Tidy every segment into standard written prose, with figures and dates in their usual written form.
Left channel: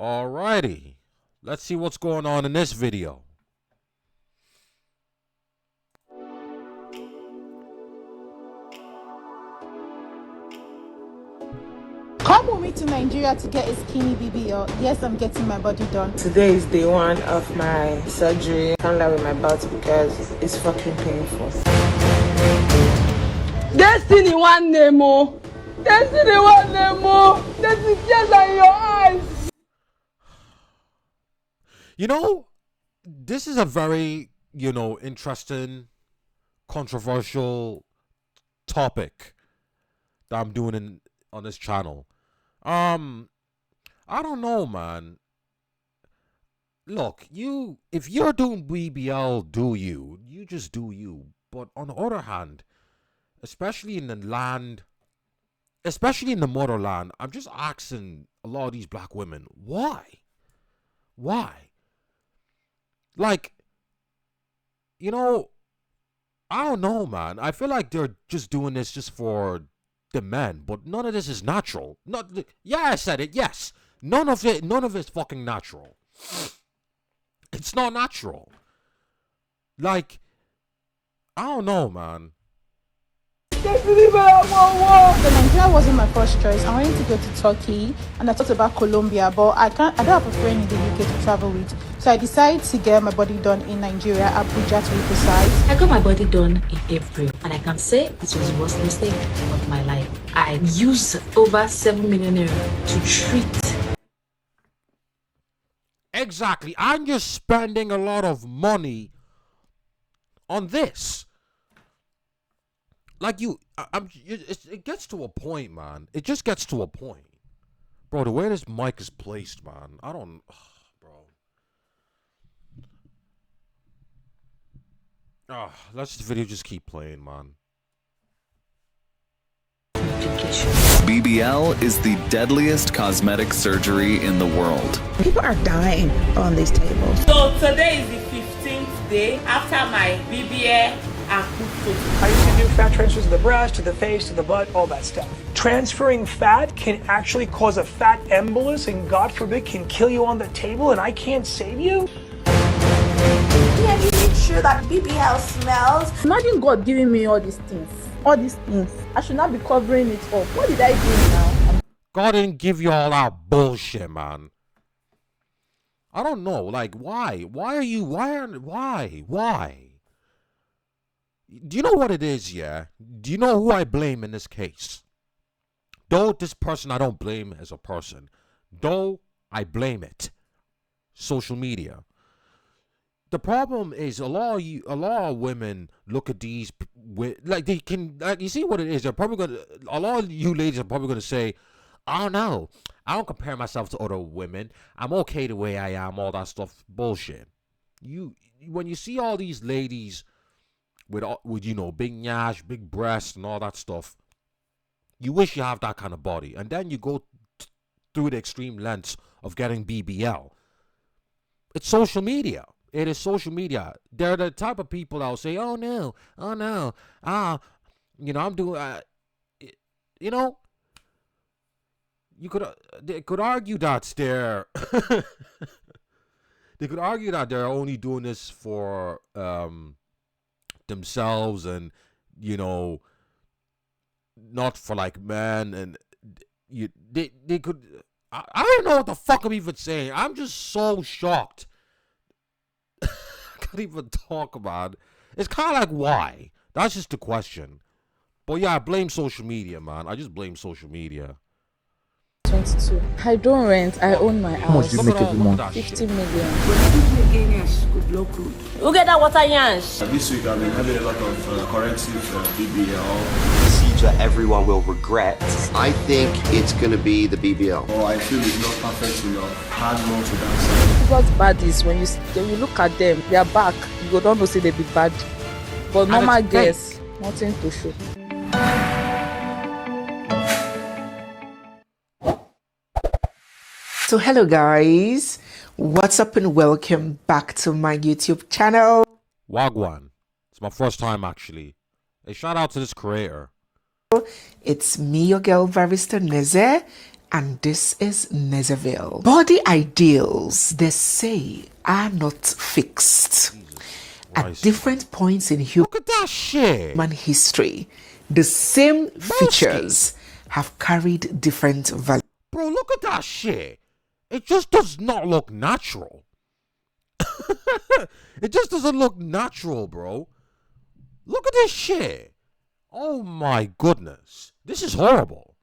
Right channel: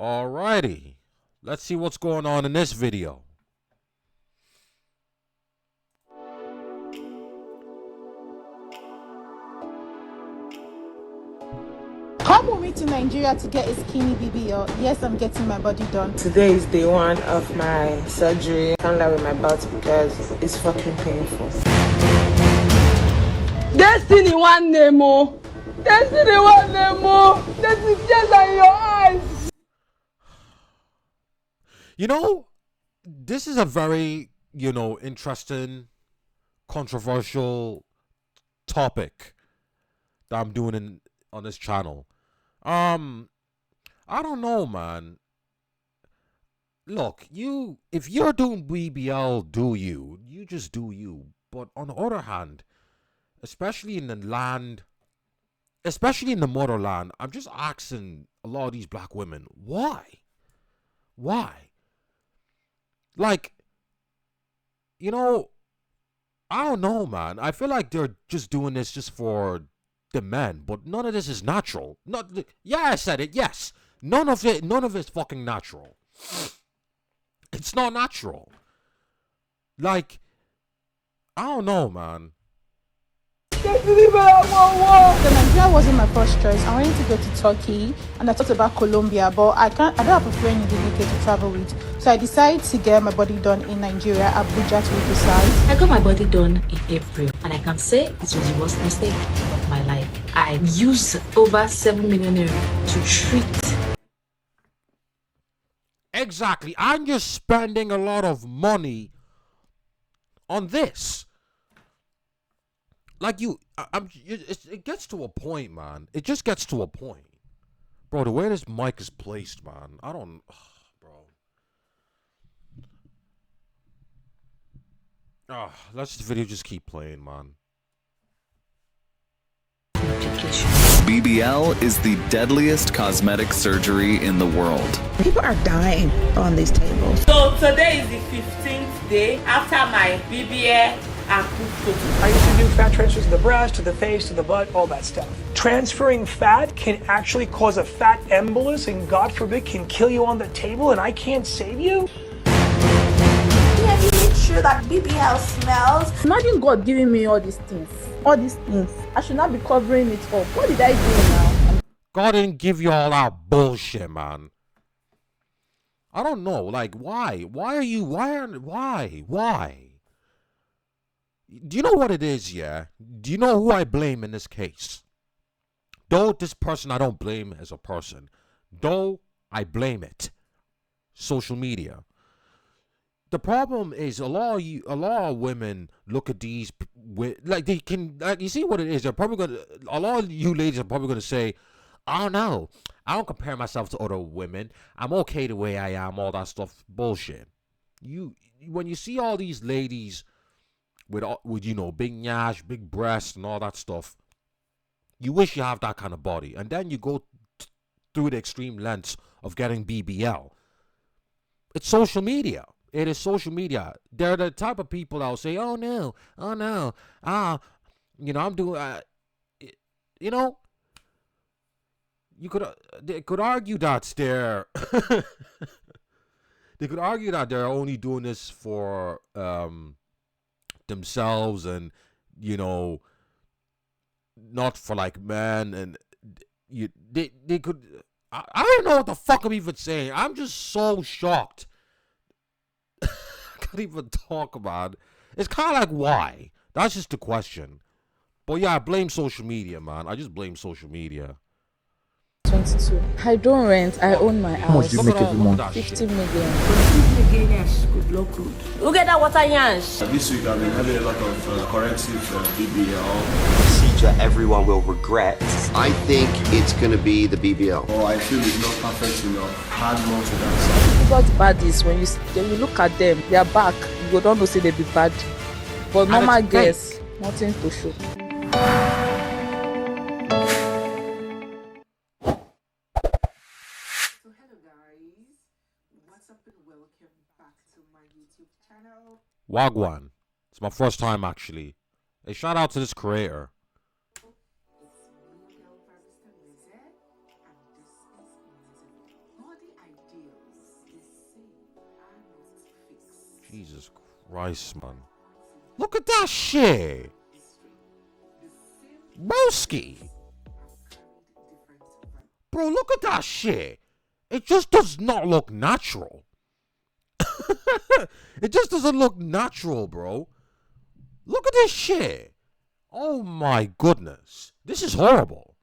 Alrighty, let's see what's going on in this video. Come with me to Nigeria to get a skinny BBL. Yes, I'm getting my body done. Today is day one of my surgery. I can't lie with my butt because it's fucking painful. Destiny one Nemo. Destiny one Nemo. Destiny just in your eyes. You know, this is a very, interesting, controversial topic that I'm doing on this channel. I don't know, man. Look, if you're doing BBL, do you just do you. But on the other hand, especially in the motherland, I'm just asking a lot of these black women, why? Like, I don't know, man. I feel like they're just doing this just for the men, but none of this is natural. I said it. Yes, none of it's fucking natural. It's not natural. Like, I don't know, man. So Nigeria wasn't my first choice. I wanted to go to Turkey, and I thought about Colombia, but I don't have a friend in the UK to travel with. So I decided to get my body done in Nigeria, Abuja to be precise. I got my body done in April, and I can say it was the worst mistake of my life. I used over 7 million euro to treat. Exactly. I'm just spending a lot of money on this. Like it gets to a point, man. It just gets to a point. Bro, the way this mic is placed, man. Bro. Let's this video just keep playing, man. BBL is the deadliest cosmetic surgery in the world. People are dying on these tables. So today is the 15th day after my BBL and put. I used to do fat transfers to the breast, to the face, to the butt, all that stuff. Transferring fat can actually cause a fat embolus and God forbid can kill you on the table and I can't save you? Yeah, you make sure that BBL smells. Imagine God giving me all these things. All these things. I should not be covering it up. What did I do now? God didn't give you all that bullshit, man. I don't know. Like, why? Why? Do you know what it is, yeah? Do you know who I blame in this case? Though this person I don't blame as a person. Though I blame it. Social media. The problem is a lot of women look at these like they can, like, you see what it is. They're probably a lot of you ladies are probably gonna say, "Oh no, I don't compare myself to other women. I'm okay the way I am." All that stuff, bullshit. When you see all these ladies with big nyash, big breasts, and all that stuff, you wish you have that kind of body, and then you go through the extreme lengths of getting BBL. It's social media. It is social media. They're the type of people that will say, oh no, I'm doing, they could argue that they could argue that they're only doing this for themselves and, not for like men, and they could, I don't know what the fuck I'm even saying. I'm just so shocked. Can't even talk about it. It's kind of like, why? That's just the question. But yeah, I blame social media, man. I just blame social media. 22. I don't rent. I own my house. How much do you make every month? 50 million. Good luck, good. Who get that water yansh? This week I've been having a lot of corrective BBL. Procedure everyone will regret. I think it's going to be the BBL. Oh, I feel it's not perfect enough. Hard more to that side. What's bad is when you look at them, their back, you don't know say they be bad. But normal girls, nothing to show. So hello guys, what's up and welcome back to my YouTube channel. Wagwan. It's my first time actually. Hey, shout out to this creator. It's me, your girl Barrister Neze, And this is Nezerville. Body ideals, they say, are not fixed. At different points in Look at that shit. human history, the same features have carried different values. Bro, look at that shit. It just does not look natural. It just doesn't look natural, bro. Look at this shit. Oh my goodness. This is horrible.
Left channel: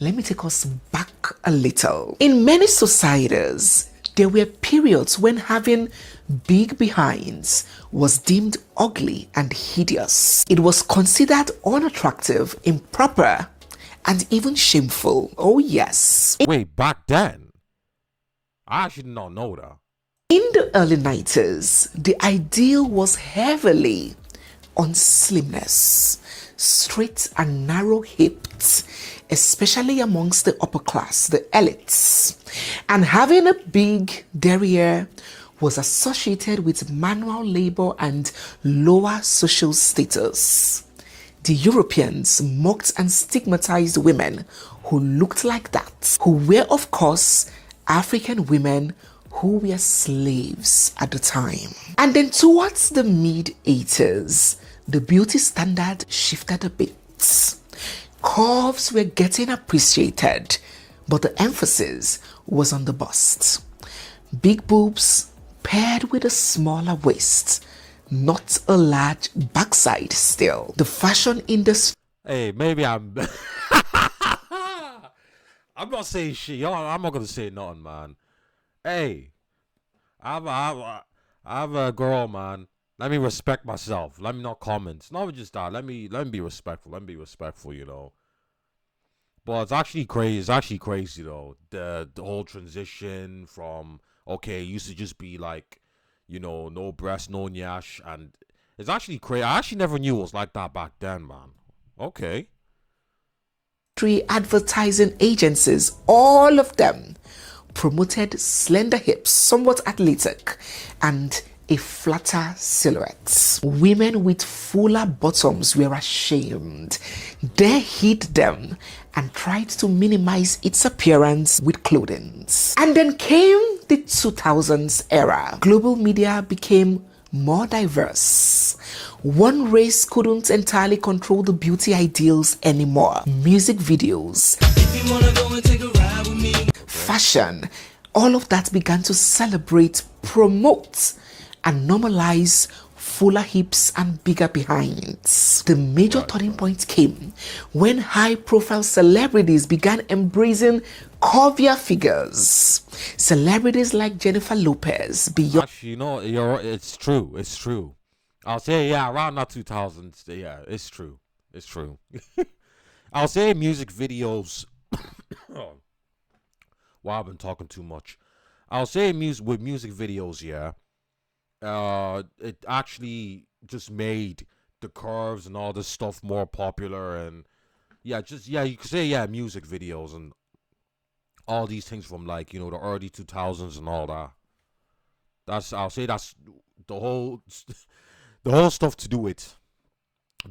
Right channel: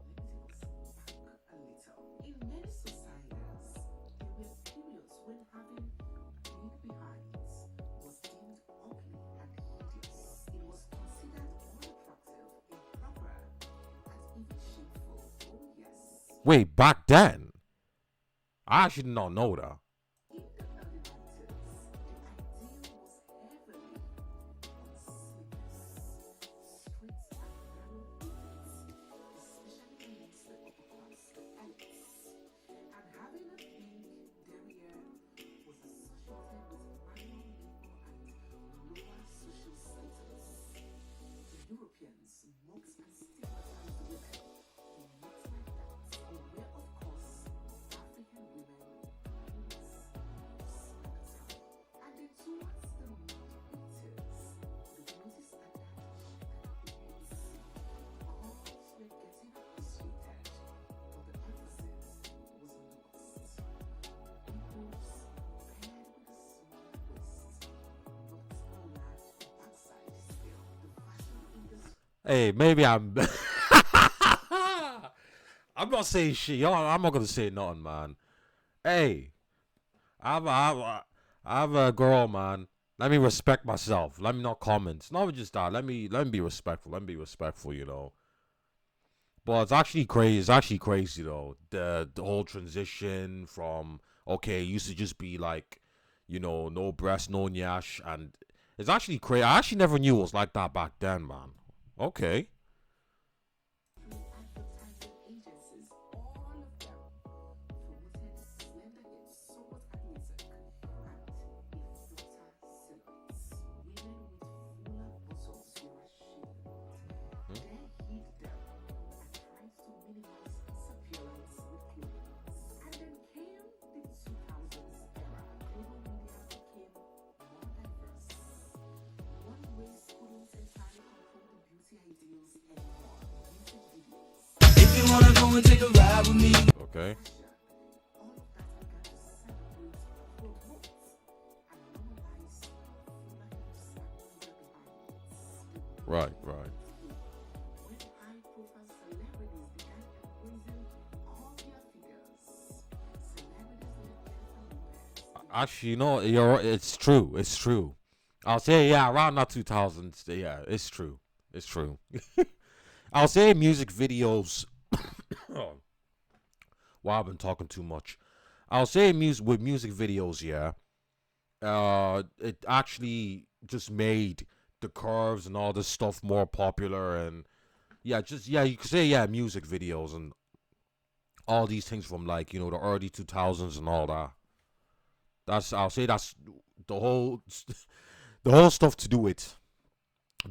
Let me take us back a little. In many societies, there were periods when having big behinds was deemed ugly and hideous. It was considered unattractive, improper, and even shameful. Oh yes. Wait, back then? I actually did not know that. In the early 90s, the ideal was heavily on slimness, straight and narrow hips, especially amongst the upper class, the elites. And having a big derriere was associated with manual labor and lower social status. The Europeans mocked and stigmatized women who looked like that, who were, of course, African women who were slaves at the time. And then towards the mid-80s, the beauty standard shifted a bit. Curves were getting appreciated, but the emphasis was on the bust. Big boobs paired with a smaller waist, not a large backside still. The fashion industry... Hey, maybe I'm... I'm not saying shit. I'm not gonna say nothing, man. Hey, I'm a girl, man. Let me respect myself. Let me not comment. It's not just that. Let me be respectful. Let me be respectful, you know. But it's actually crazy. It's actually crazy though. The whole transition from okay, it used to just be like, you know, no breast, no nyash, and it's actually crazy. I actually never knew it was like that back then, man. Okay. Advertising agencies, all of them promoted slender hips, somewhat athletic, and a flatter silhouette. Women with fuller bottoms were ashamed. They hid them and tried to minimize its appearance with clothing. And then came the 2000s era. Global media became more diverse. One race couldn't entirely control the beauty ideals anymore. Music videos, fashion, all of that began to celebrate, promote, and normalize fuller hips and bigger behinds. The major turning point came when high-profile celebrities began embracing curvier figures. Celebrities like Jennifer Lopez, Beyonce. Actually, you know, it's true. It's true. I'll say, yeah, around that 2000s. Yeah, it's true. It's true. I'll say music videos. Wow, I've been talking too much. I'll say with music videos, yeah. It actually just made the curves and all this stuff more popular, and you could say music videos and all these things from like, you know, the early 2000s and all that. I'll say that's the whole stuff to do with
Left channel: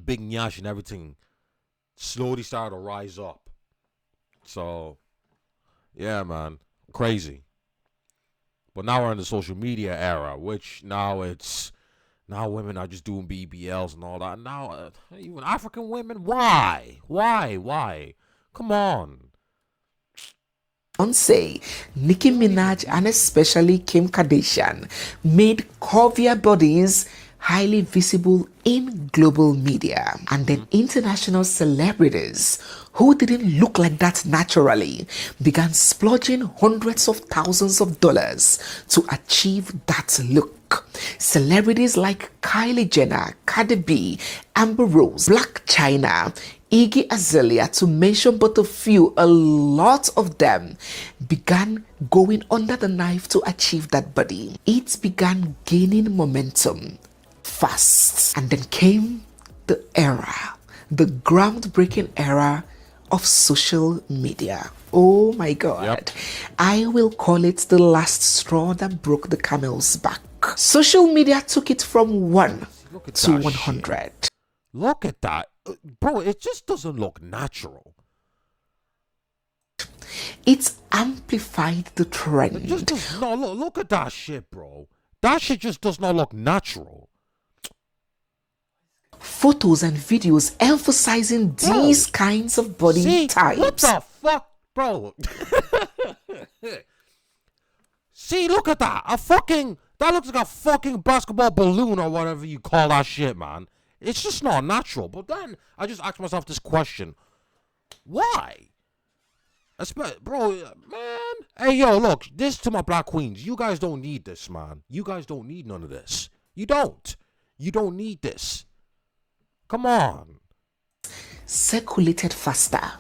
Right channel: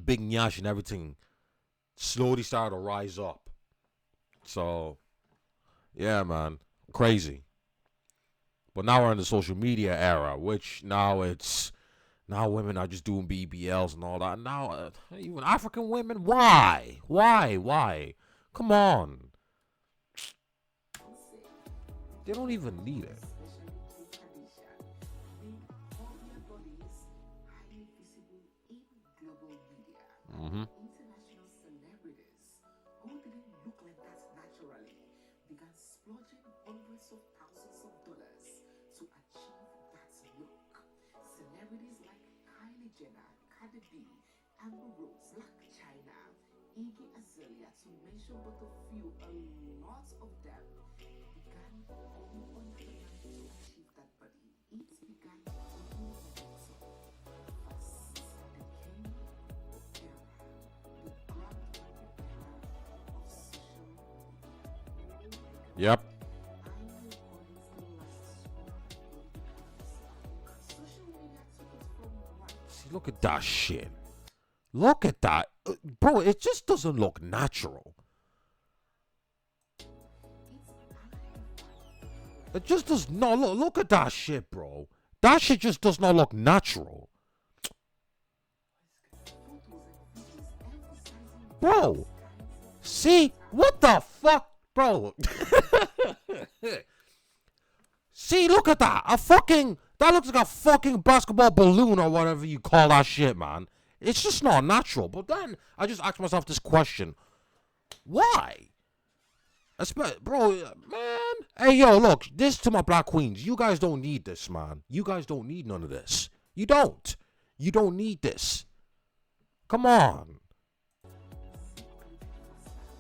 Big Nyash and everything slowly started to rise up. So yeah, man, crazy. But now we're in the social media era, which now women are just doing BBLs and all that. Now even African women, why? Come on. Beyonce, Nicki Minaj, and especially Kim Kardashian made curvier bodies highly visible in global media. And then international celebrities who didn't look like that naturally began splurging hundreds of thousands of dollars to achieve that look. Celebrities like Kylie Jenner, Cardi B, Amber Rose, Black China, Iggy Azalea, to mention but a few, a lot of them began going under the knife to achieve that body. It began gaining momentum fast. And then came the era, the groundbreaking era of social media. Oh my God. Yep. I will call it the last straw that broke the camel's back. Social media took it from 1 to 100. Look at that. bro, it just doesn't look natural. It's amplified the trend. It just does not look at that shit, bro. That shit just does not look natural. Photos and videos emphasizing these kinds of body types. What the fuck, bro? See, look at that. That looks like a fucking basketball balloon or whatever you call that shit, man. It's just not natural. But then I just asked myself this question. Why? Bro, man. Hey, yo, look. This to my black queens. You guys don't need this, man. You guys don't need none of this. You don't. You don't need this. Come on. Circulated faster.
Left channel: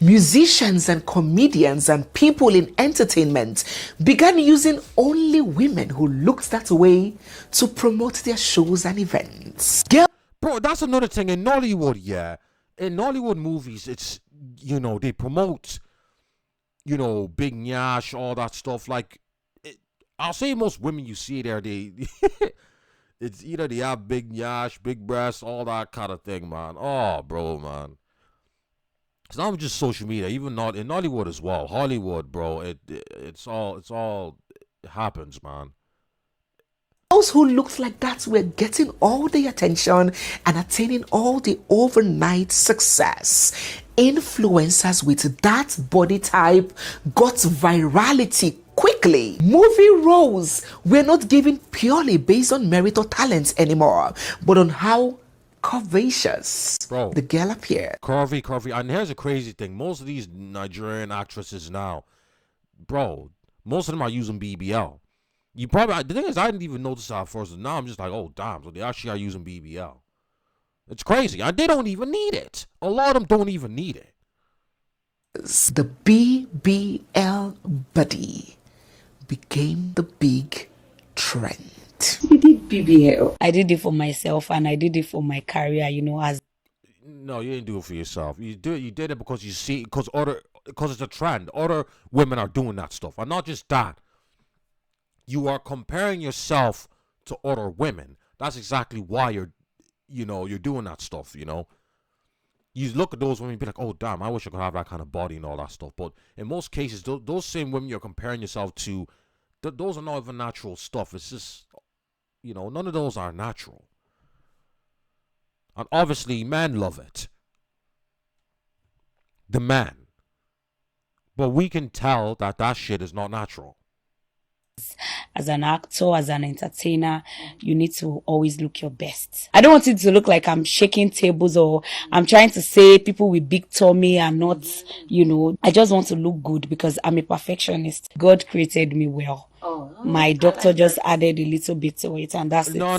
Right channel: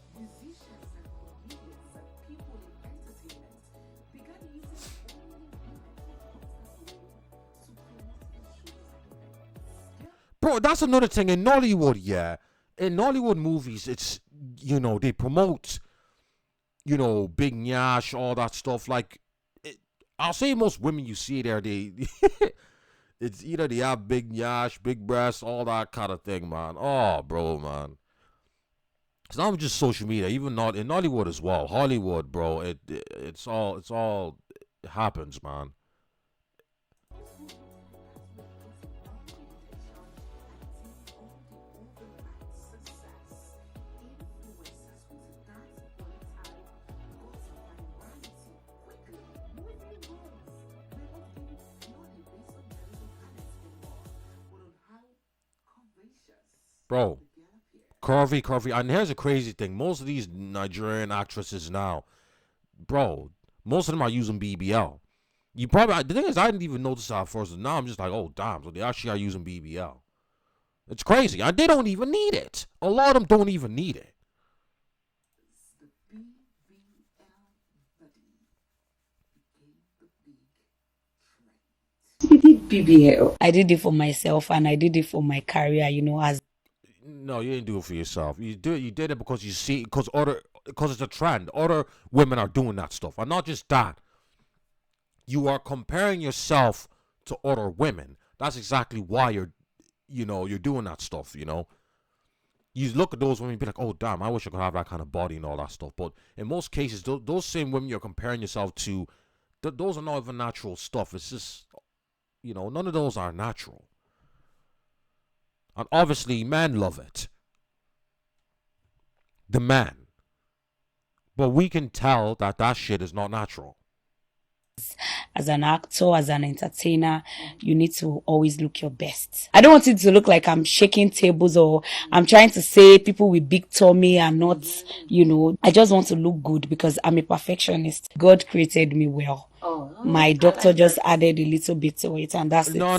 Musicians and comedians and people in entertainment began using only women who looked that way to promote their shows and events. Bro, that's another thing in Nollywood, yeah. In Nollywood movies, it's, they promote, big nyash, all that stuff. Like, I'll say most women you see there, it's either they have big nyash, big breasts, all that kind of thing, man. Oh, bro, man. It's not just social media, even not in Nollywood as well. Hollywood, bro. It's all happens, man. Those who looked like that were getting all the attention and attaining all the overnight success. Influencers with that body type got virality quickly. Movie roles were not given purely based on merit or talent anymore, but on how curvaceous the girl appeared. Curvy. And here's a crazy thing. Most of these Nigerian actresses now, bro, most of them are using BBL. The thing is, I didn't even notice that at first. And now I'm just like, oh, damn. So they actually are using BBL. It's crazy. And they don't even need it. A lot of them don't even need it. The BBL body became the big trend. You did BBL. I did it for myself and I did it for my career, as. No, you didn't do it for yourself. You did it because you see, because it's a trend. Other women are doing that stuff. And not just that. You are comparing yourself to other women. That's exactly why you're doing that stuff, You look at those women and be like, oh, damn, I wish I could have that kind of body and all that stuff. But in most cases, those same women you're comparing yourself to, those are not even natural stuff. It's just, none of those are natural. And obviously, men love it. The man. But we can tell that shit is not natural. As an actor, as an entertainer, you need to always look your best. I don't want it to look like I'm shaking tables or I'm trying to say people with big tummy are not, I just want to look good because I'm a perfectionist. God created me well. My doctor just added a little bit to it and that's it. No.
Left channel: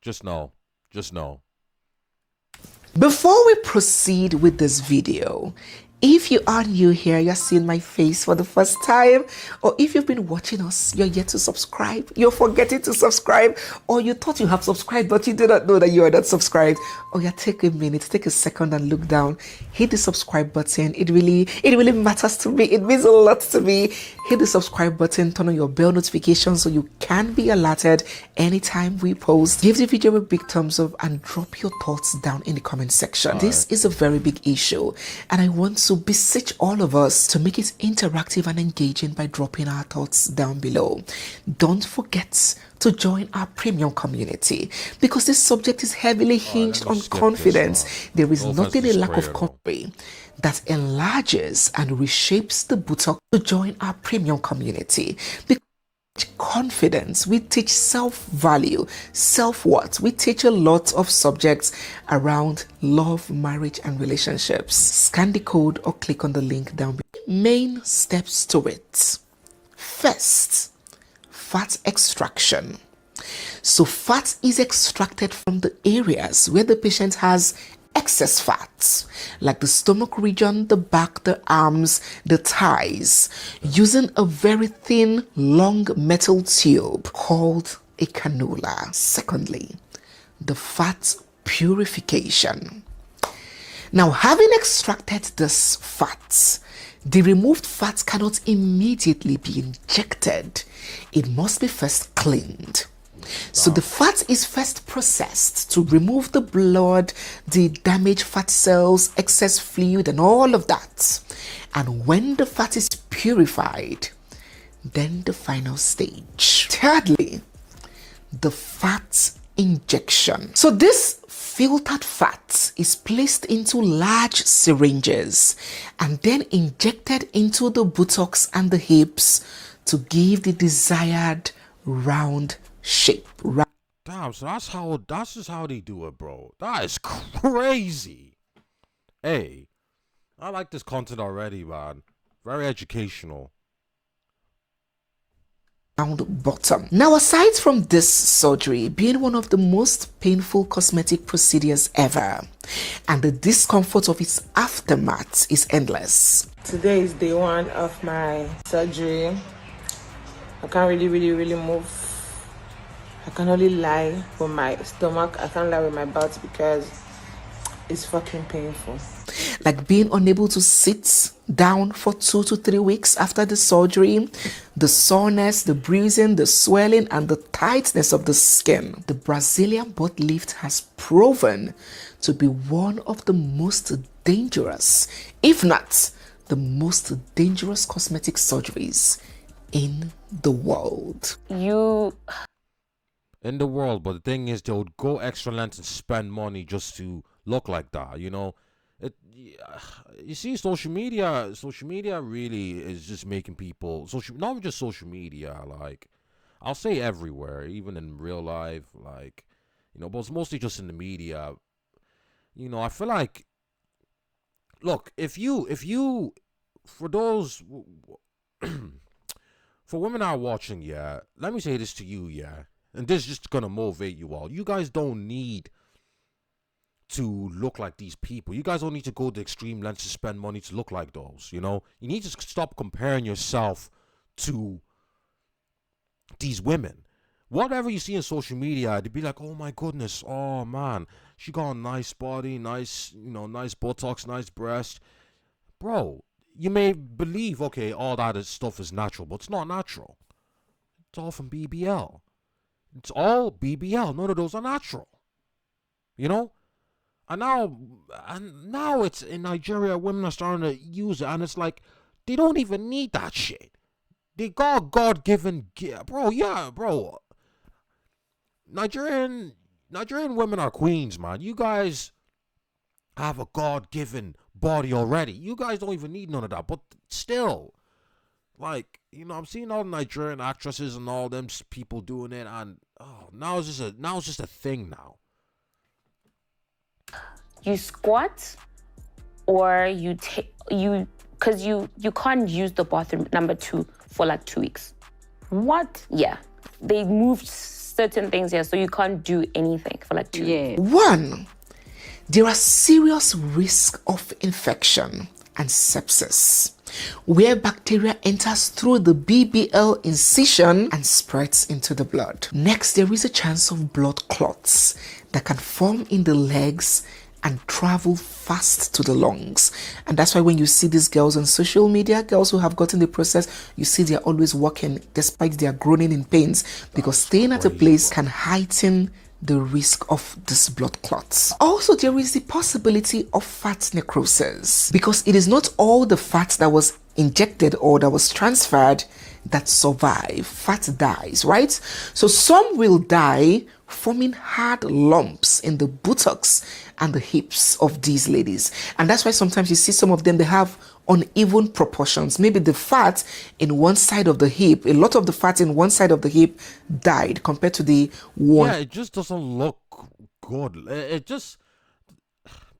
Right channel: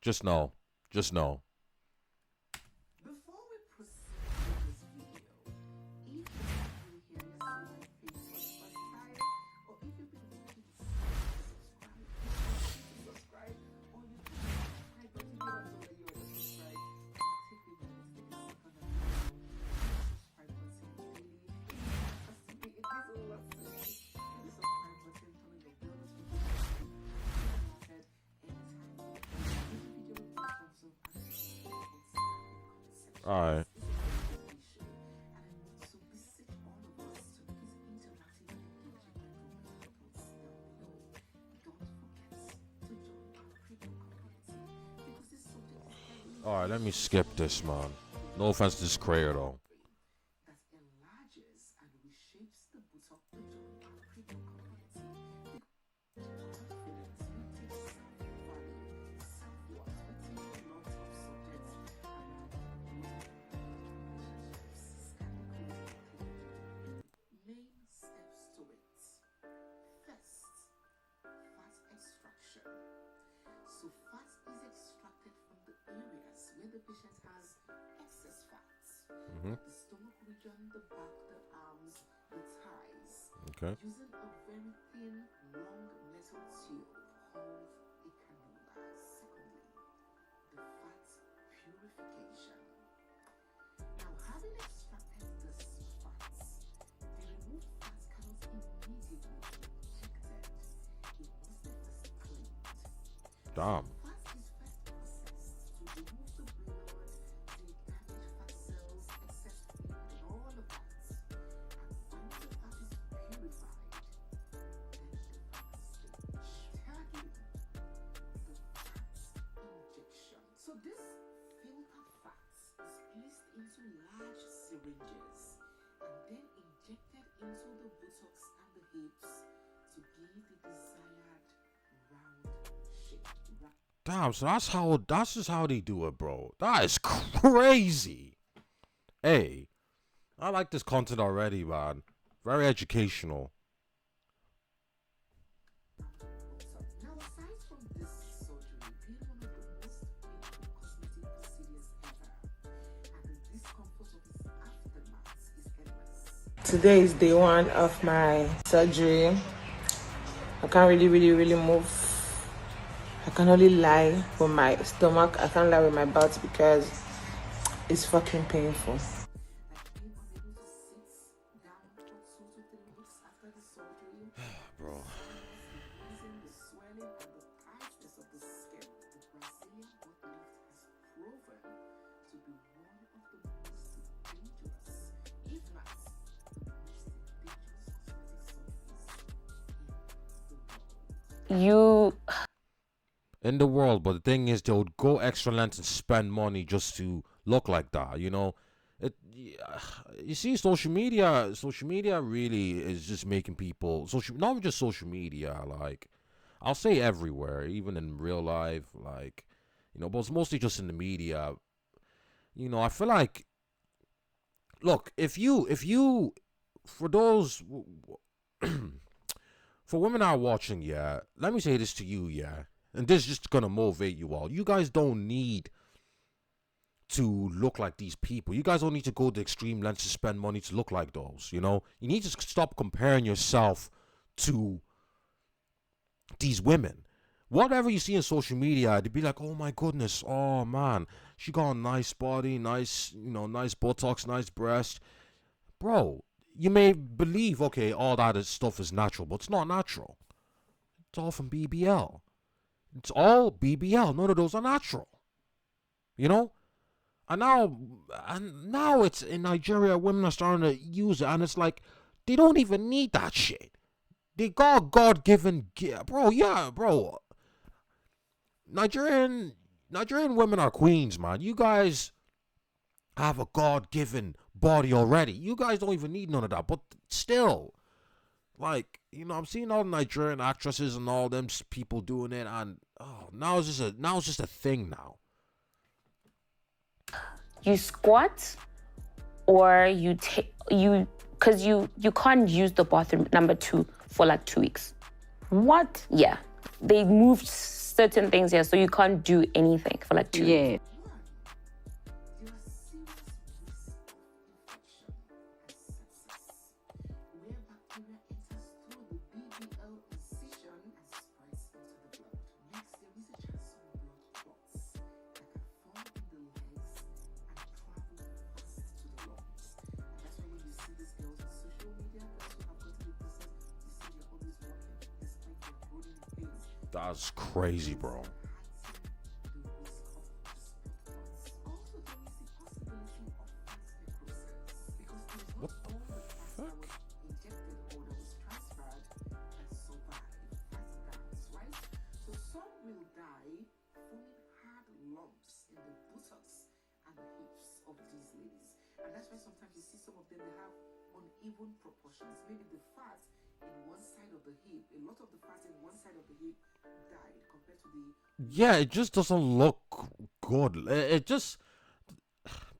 Just no. Before we proceed with this video, if you are new here, you're seeing my face for the first time, or if you've been watching us, you're yet to subscribe, you're forgetting to subscribe, or you thought you have subscribed, but you do not know that you are not subscribed, take a minute, take a second and look down, hit the subscribe button. It really matters to me. It means a lot to me. Hit the subscribe button, turn on your bell notification so you can be alerted anytime we post. Give the video a big thumbs up and drop your thoughts down in the comment section. This is a very big issue and I want to beseech all of us to make it interactive and engaging by dropping our thoughts down below. Don't forget to join our premium community because this subject is heavily hinged on confidence. There is nothing a lack of confidence that enlarges and reshapes the buttock. To join our premium community because confidence, we teach self-value, self-worth. We teach a lot of subjects around love, marriage and relationships. Scan the code or click on the link down below. Main steps to it. First, fat extraction. So fat is extracted from the areas where the patient has excess fat, like the stomach region, the back, the arms, the thighs, using a very thin, long metal tube called a cannula. Secondly, the fat purification. Now, having extracted this fat, the removed fat cannot immediately be injected. It must be first cleaned. So the fat is first processed to remove the blood, the damaged fat cells, excess fluid, and all of that. And when the fat is purified, then the final stage. Thirdly, the fat injection. So this filtered fat is placed into large syringes and then injected into the buttocks and the hips to give the desired round shape. Damn, so that's just how they do it, bro. That is crazy. Hey, I like this content already, man. Very educational. Round bottom. Now, aside from this surgery being one of the most painful cosmetic procedures ever, and the discomfort of its aftermath is endless. Today is day 1 of my surgery. I can't really move. I can only lie with my stomach. I can't lie with my butt because it's fucking painful. Like being unable to sit down for 2 to 3 weeks after the surgery, the soreness, the bruising, the swelling, and the tightness of the skin. The Brazilian butt lift has proven to be one of the most dangerous, if not the most dangerous cosmetic surgeries in the world. In the world, but the thing is, they would go extra lengths and spend money just to look like that, you know? You see, social media really is just making people, not just social media, like, I'll say everywhere, even in real life, like, you know, but it's mostly just in the media. You know, I feel like, look, if you, for those, for women that are watching, yeah, let me say this to you, yeah, and this is just gonna motivate you all. You guys don't need to look like these people. You guys don't need to go to extreme lengths to spend money to look like those, you know? You need to stop comparing yourself to these women. Whatever you see in social media, they'd be like, oh my goodness, oh man, she got a nice body, nice, you know, nice buttocks, nice breast. Bro, you may believe, okay, all that stuff is natural, but it's not natural. It's all from BBL. It's all BBL. None of those are natural. You know? And now it's in Nigeria, women are starting to use it, and it's like, they don't even need that shit. They got God-given, bro, yeah, bro. Nigerian women are queens, man. You guys have a God-given body already. You guys don't even need none of that, but still, like, you know, I'm seeing all the Nigerian actresses and all them people doing it, and now it's just a thing now. You squat, or because you can't use the bathroom number 2 for like 2 weeks. What? Yeah, they moved certain things here, so you can't do anything for like 2 weeks. 1, there are serious risks of infection and sepsis, where bacteria enters through the BBL incision and spreads into the blood. Next, there is a chance of blood clots that can form in the legs and travel fast to the lungs. And that's why when you see these girls on social media, girls who have gotten the process, you see they're always walking despite their groaning in pains, because staying at a place can heighten the risk of these blood clots. Also, there is the possibility of fat necrosis, because it is not all the fat that was injected or that was transferred that survive. Fat dies, right? So some will die, forming hard lumps in the buttocks and the hips of these ladies. And that's why sometimes you see some of them, they have uneven proportions. Maybe the fat in one side of the hip, a lot of the fat in one side of the hip died compared to the one. Yeah, it just doesn't look good. It just,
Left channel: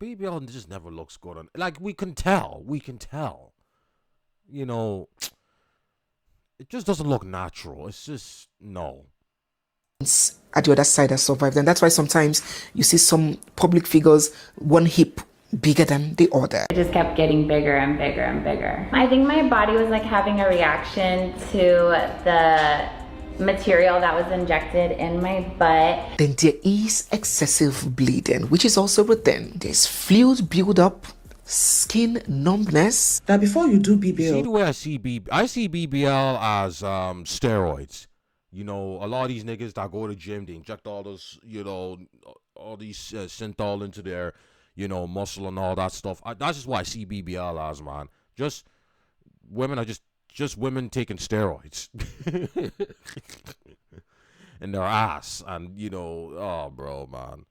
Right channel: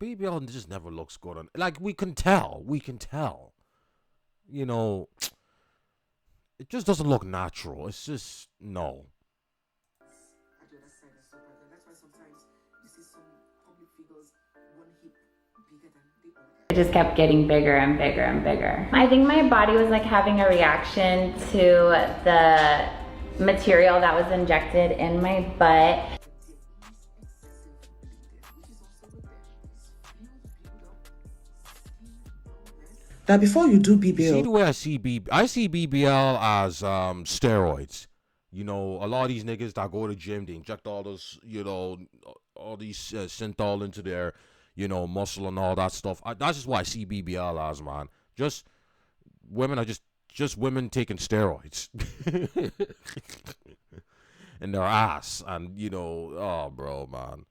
BBL just never looks good. Like, we can tell. You know, it just doesn't look natural. It's just, no. At the other side that survived. And that's why sometimes you see some public figures, one hip bigger than the other. It just kept getting bigger and bigger and bigger. I think my body was like having a reaction to the material that was injected in my butt. Then there is excessive bleeding, which is also a thing. There's fluid buildup, skin numbness. Now before you do BBL, See the way I see BBL as steroids. You know, a lot of these niggas that go to the gym, they inject all this, you know, all these synthol into their, you know, muscle and all that stuff. That's just why I see BBL as, man. Just women are just women taking steroids in their ass, and you know, oh, bro, man.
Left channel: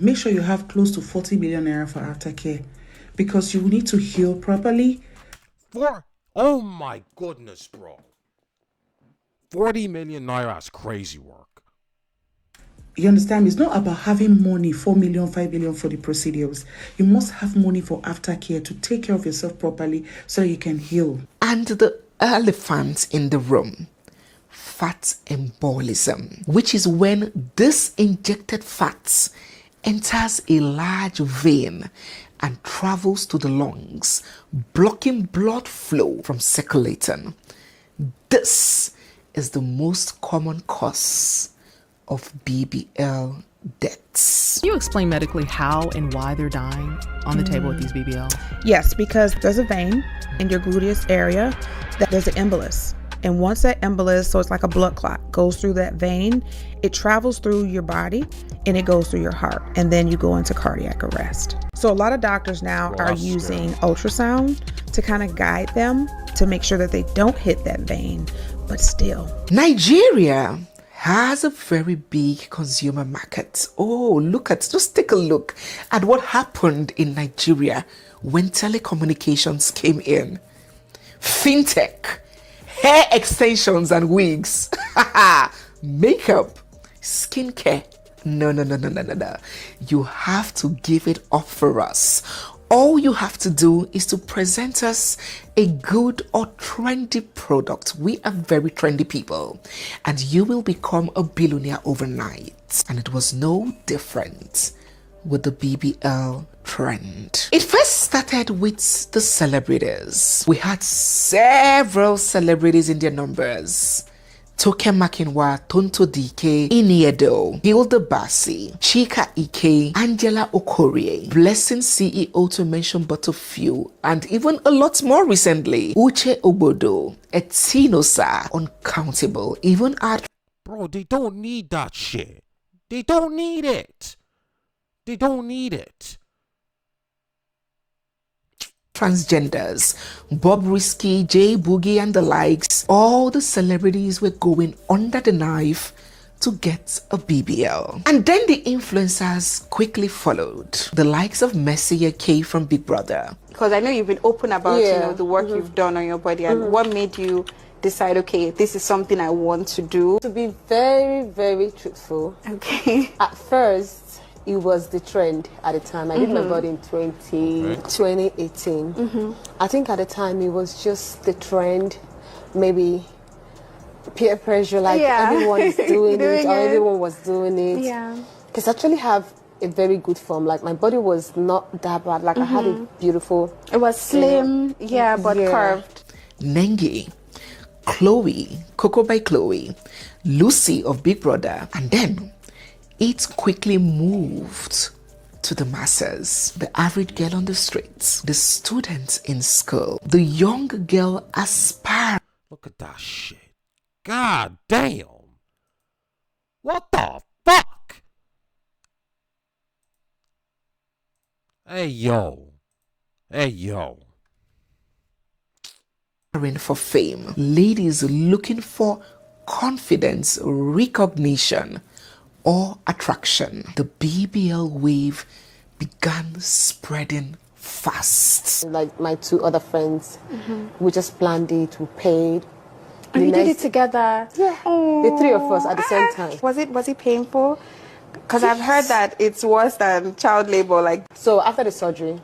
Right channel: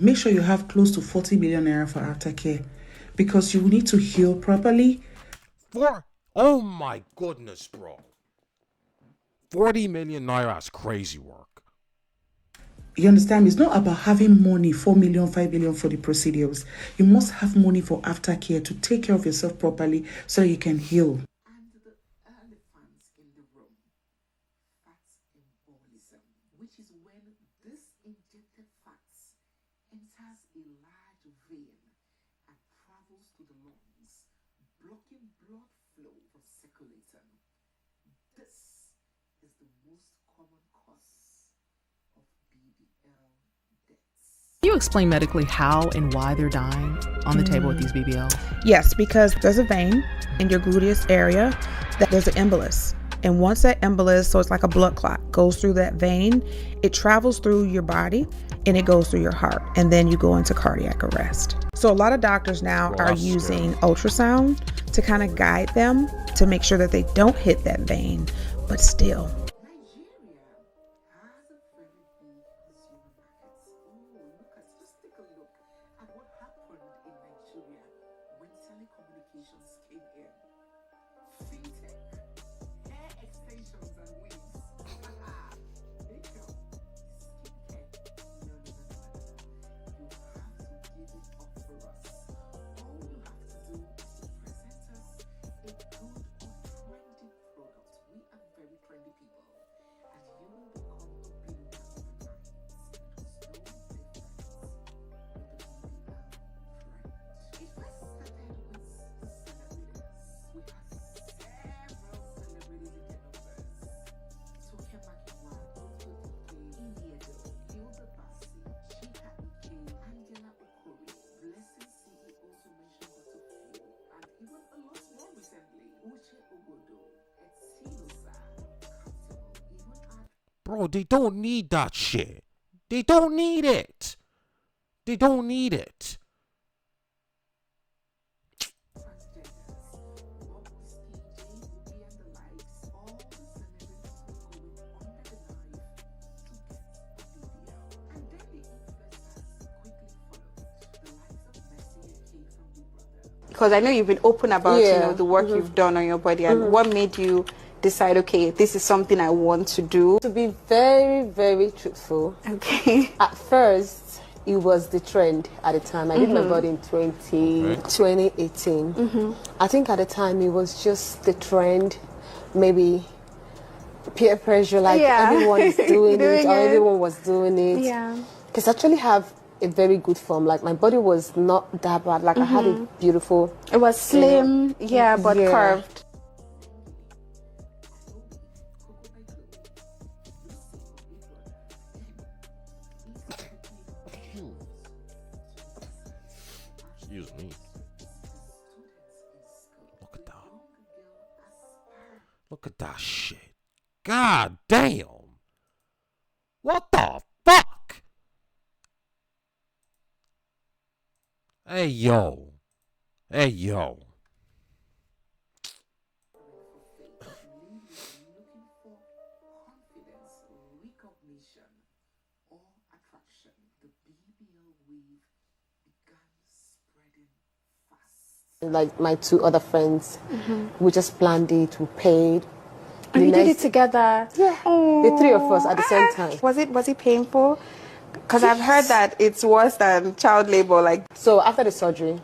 Make sure you have close to 40 million naira for aftercare, because you need to heal properly. Oh my goodness, bro. 40 million naira is crazy work. You understand? It's not about having money, 4 million, 5 million for the procedures. You must have money for aftercare to take care of yourself properly so you can heal. And the elephant in the room, fat embolism, which is when this injected fat enters a large vein and travels to the lungs, blocking blood flow from circulating. This is the most common cause of BBL deaths. Can you explain medically how and why they're dying on the table with these BBL? Yes, because there's a vein in your gluteus area that there's an embolus. And once that embolus, so it's like a blood clot, goes through that vein, it travels through your body and it goes through your heart. And then you go into cardiac arrest. So a lot of doctors now are using ultrasound to kind of guide them to make sure that they don't hit that vein, but still. Nigeria has a very big consumer market. Just take a look at what happened in Nigeria when telecommunications came in. Fintech, hair extensions and wigs, makeup, skincare. No. You have to give it up for us. All you have to do is to present us a good or trendy product. We are very trendy people, and you will become a billionaire overnight. And it was no different with the BBL trend. It first started with the celebrities. We had several celebrities in their numbers. Toke Makinwa, Tonto DK, Iniedo, Hilda Bassi, Chika Ike, Angela Okorie, Blessing CEO to mention but a few, and even a lot more recently. Uche Obodo, Etinosa, uncountable, even at... Bro, they don't need that shit. They don't need it. They don't need it. Transgenders, Bob Risky, Jay Boogie and the likes, all the celebrities were going under the knife to get a BBL. And then the influencers quickly followed. The likes of Messiah K from Big Brother. Because I know you've been open about the work you've done on your body, and what made you decide, okay, this is something I want to do? To be very, very truthful, okay. At first, it was the trend at the time. I did my body in 2018. I think at the time it was just the trend, maybe peer pressure, like everyone is doing it, or everyone was doing it. Yeah. Because I actually have a very good form. Like my body was not that bad. Like I had a beautiful. It was slim, but curved. Nengi, Chloe, Coco by Chloe, Lucy of Big Brother, and then it quickly moved to the masses. The average girl on the streets, the students in school, the young girl aspiring. Look at that shit. God damn. What the fuck? Hey, yo. For fame. Ladies looking for confidence, recognition, or attraction. The BBL wave began spreading fast. Like my two other friends, we just planned it, we paid. And you did it together? Yeah. The three of us at the same time. Was it painful? Because I've heard that it's worse than child labor. Like, so after the surgery,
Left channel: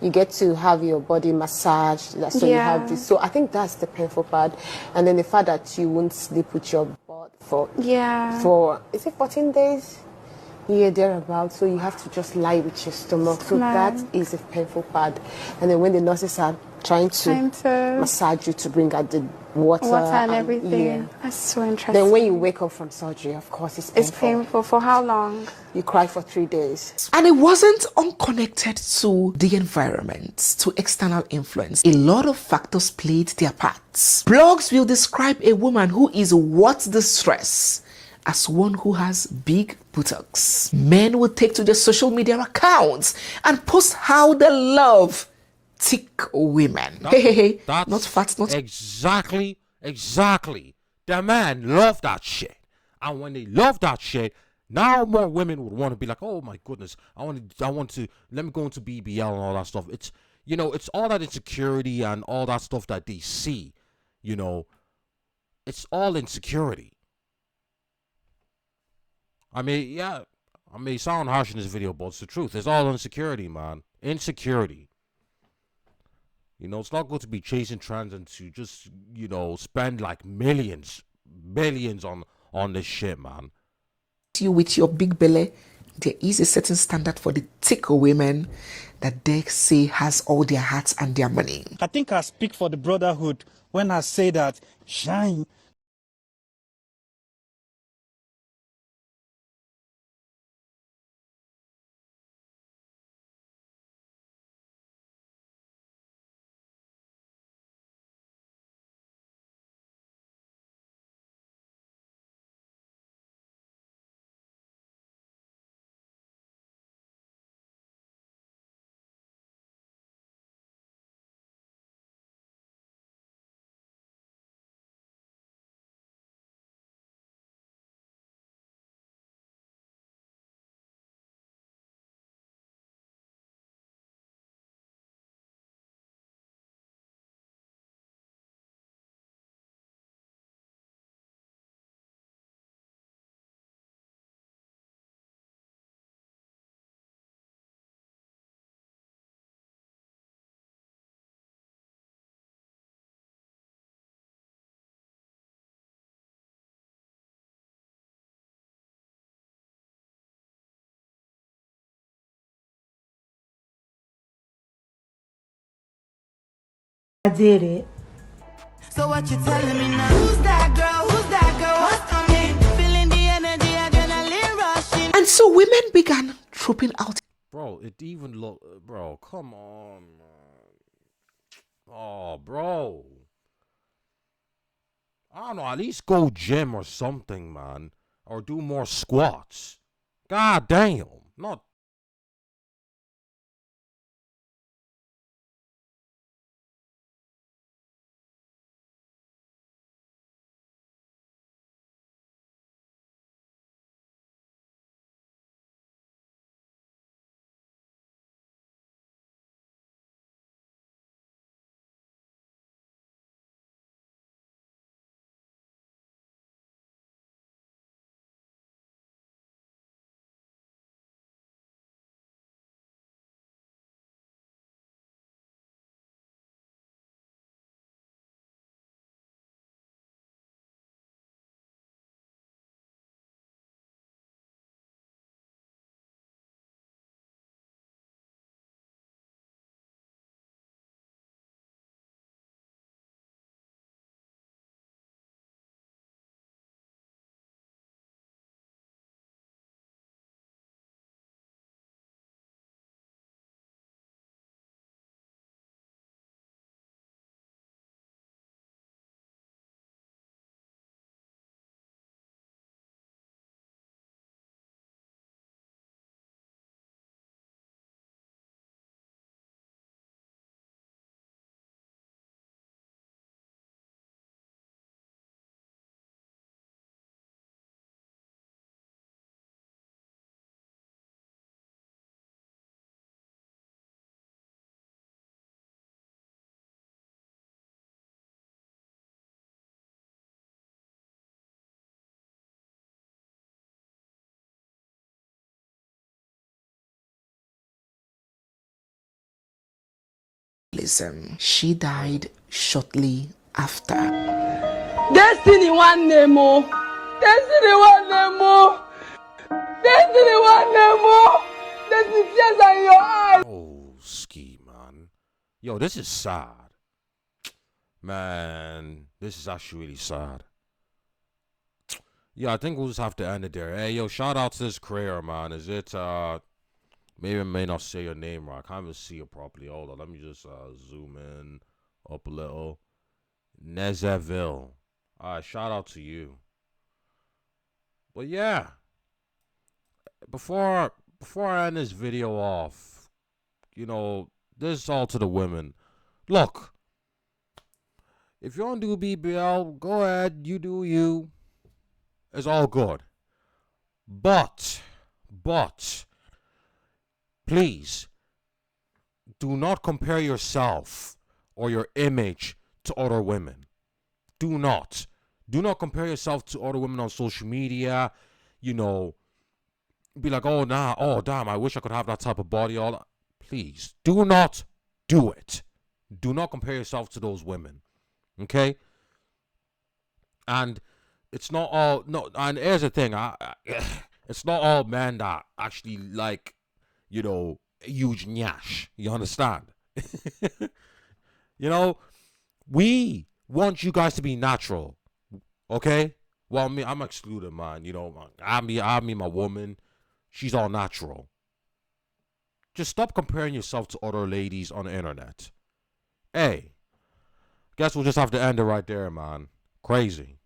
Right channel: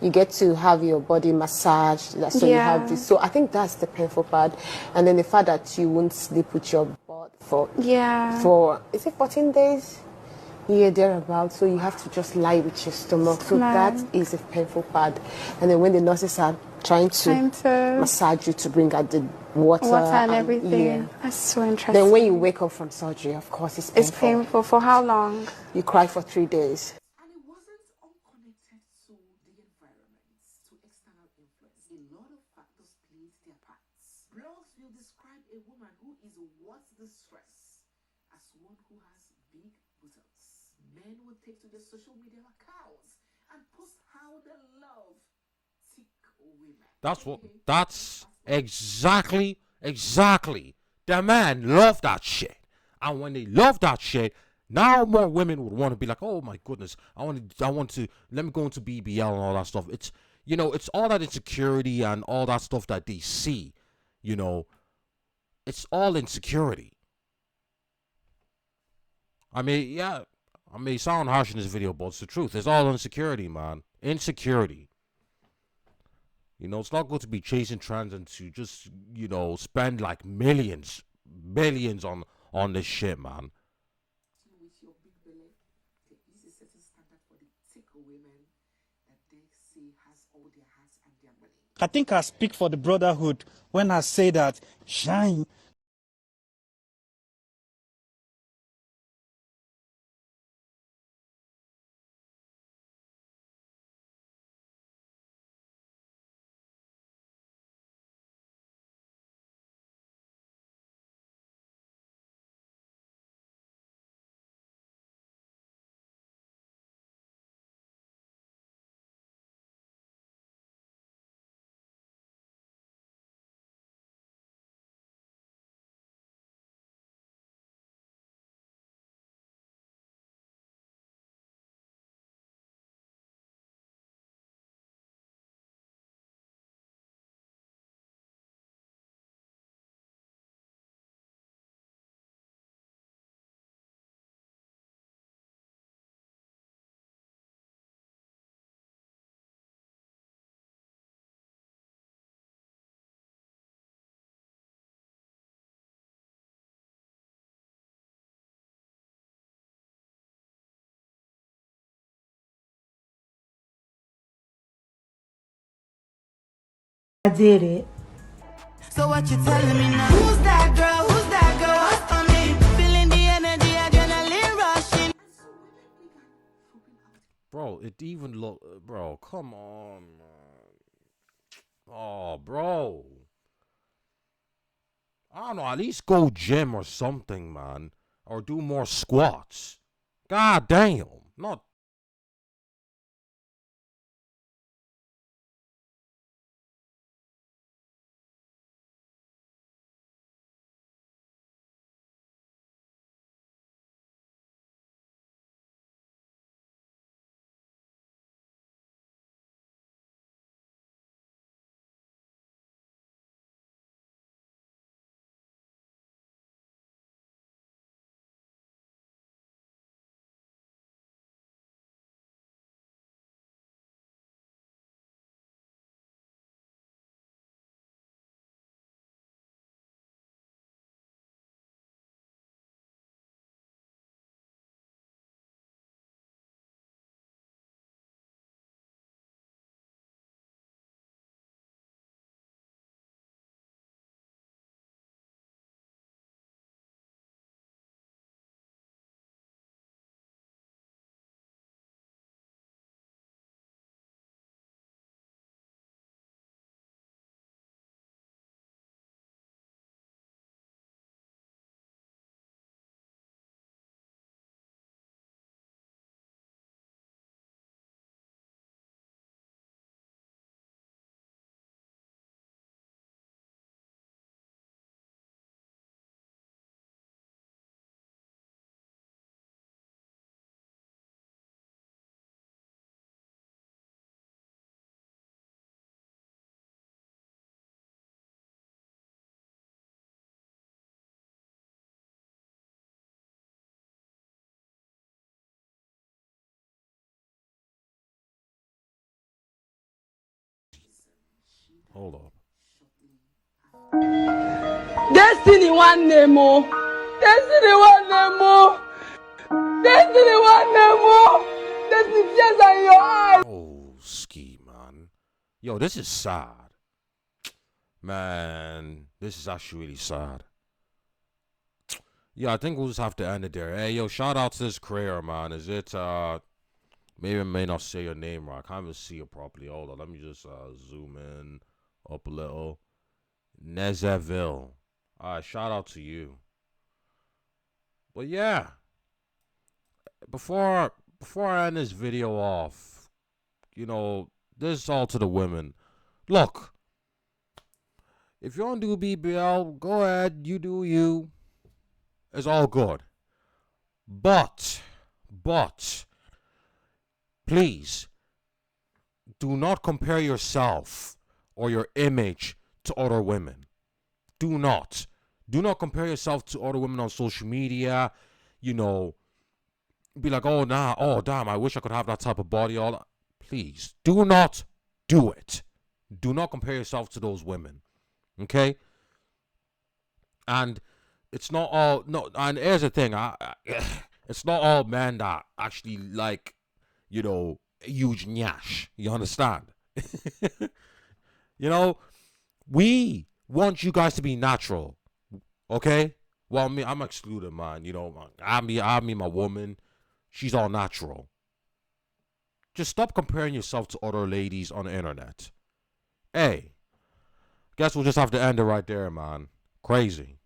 you get to have your body massaged. So you have this. So I think that's the painful part. And then the fact that you won't sleep with your butt for is it 14 days? Yeah, thereabouts. So you have to just lie with your stomach. So that is the painful part. And then when the nurses are trying to massage you to bring out the water and everything. Yeah. That's so interesting. Then when you wake up from surgery, of course, it's painful. It's painful. For how long? You cry for 3 days. And it wasn't unconnected to the environment, to external influence. A lot of factors played their parts. Blogs will describe a woman who is worth the stress as one who has big buttocks. Men will take to their social media accounts and post how they love thick women. That's not fat, not exactly. The man love that shit, and when they love that shit, now more women would want to be like, oh my goodness, I want to let me go into BBL and all that stuff. It's it's all that insecurity and all that stuff that they see. It's all insecurity. I may sound harsh in this video, but it's the truth. It's all insecurity, man. Insecurity. It's not good to be chasing trends and to just, spend like millions on this shit, man. You with your big belly, there is a certain standard for the thicker women that they say has all their hearts and their money. I think I speak for the brotherhood when I say that shine. I did it. So what you telling me now? Who's that girl? Who's that girl? What's on me? Feeling the energy, adrenaline rushing. And so women began trooping out. Bro, it even bro, come on, man. Oh, bro. I don't know, at least go gym or something, man. Or do more squats. God damn. Not She died shortly after. Destiny one Nemo. Destiny one Nemo. Destiny one Nemo. Destiny tears are in your eyes. oh, ski, man. Yo, this is sad. Man, this is actually really sad. Yeah, I think we'll just have to end it there. Hey, yo, shout out to this creator, man. Is it, maybe I may not say your name right. I can't even see it properly. Hold on, let me just zoom in up a little. Nezeville. Alright, shout out to you. But yeah, before I end this video off, you know, this is all to the women. Look, if you want to do BBL, go ahead, you do you. It's all good. But, please, do not compare yourself or your image to other women. Do not. Do not compare yourself to other women on social media. You know, be like, oh, nah, oh, damn, I wish I could have that type of body. All that. Please, do not do it. Do not compare yourself to those women. Okay? And it's not all, no, and here's the thing, it's not all men that actually like, you know, huge nyash. You understand? You know, we want you guys to be natural. Okay? Well, me, I'm excluded, man. You know, I mean, my woman, she's all natural. Just stop comparing yourself to other ladies on the internet. Hey, guess we'll just have to end it right there, man. Crazy.